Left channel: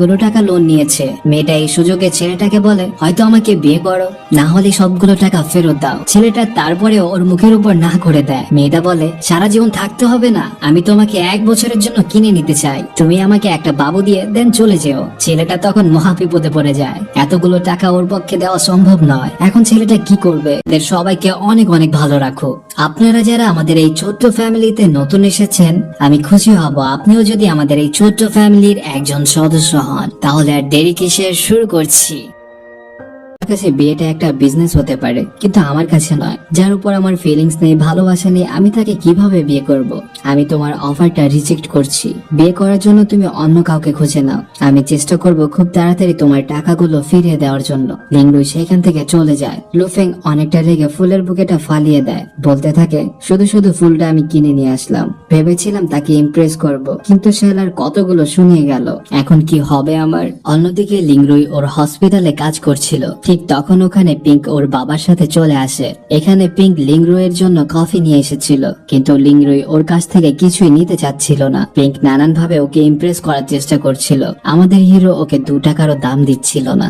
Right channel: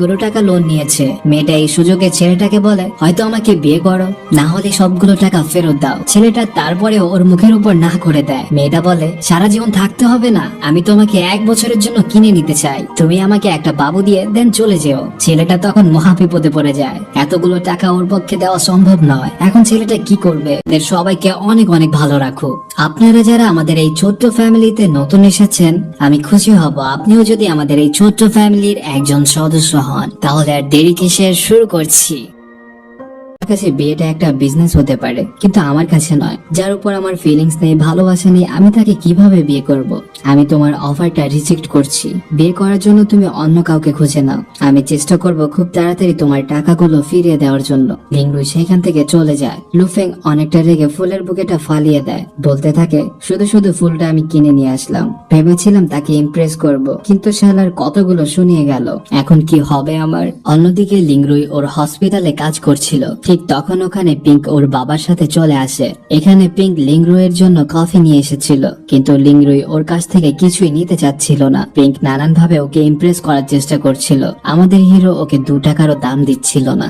অনেকগুলো টাকা লোন নিয়েছে। মেয়েটা এই সুযোগে ছেলেটাকে বলে, হয়তো আমাকে বিয়ে করো, না হলে সবগুলো টাকা ফেরত দাও। ছেলেটা তারপরে ওর মুখের উপর না করে দেয়। মেয়েটা বলে, সারা জীবন থাকতে হবে না, আমি তোমাকে 1 বছরের জন্য কিনে নিতে চাই, তুমি আমাকে একটা বাবু দিয়ে দেন চলে যেও। ছেলেটা তখন মহাবিপদে পড়ে যায়, এতগুলো টাকা ওর পক্ষে দেওয়া সম্ভব নয়। এখন ছেলেটা কি করবে? এদের সবাইকে অনেক অনেক ভালো রাখুক। আপনারা যারা আমাদের এই ছোট্ট ফ্যামিলিতে নতুন এসেছেন, আমি খুশি হব আপনিও যদি আমাদের এই ছোট্ট ফ্যামিলির একজন সদস্য হন। তাহলে আর দেরি কিসে, শুরু করছি। আমার কাছে বিয়েটা একটা বিজনেস হতে পারে, কিন্তু আমার কাছে নয়। যার উপর আমার ফিলিংস নেই, ভালোবাসা নেই, আমি তাকে কিভাবে বিয়ে করব? আমি তোমার অফারটা রিজেক্ট করছি। বিয়ে করার জন্য তুমি অন্য কাউকে খুঁজে নাও। আমি চেষ্টা করব খুব তাড়াতাড়ি তোমার টাকাগুলো ফিরিয়ে দেওয়ার জন্য। লিংরুই সেখান থেকে চলে যায়। লুফেং অনেকটা রেগে ফুলের বুকেটা ফালিয়ে দেয়, বলতে থাকে, শুধু শুধু ফুলটা আমি কিনে নিয়ে আসলাম, ভেবেছিলাম তাকে ইমপ্রেস করব, কিন্তু শালার কতগুলো শুনিয়ে গেল, এখন কি হবে আমার? অন্যদিকে লিংরুই ওর হসপিটালে কাজ করছিল। ঠিক তখন ওখানে পিঙ্ক ওর বাবার সাথে চলে আসে। এখানে পিঙ্ক লিংরুইয়ের জন্য কফি নিয়ে এসেছিল, কিন্তু লিংরুই ওর কাছ থেকে কিছুই নিতে চাচ্ছিল না। পিঙ্ক নানান ভাবে ওকে ইমপ্রেস করার চেষ্টা করছিল। আমাদের হিরো ওকে 2 টাকারও দাম দিচ্ছিল না।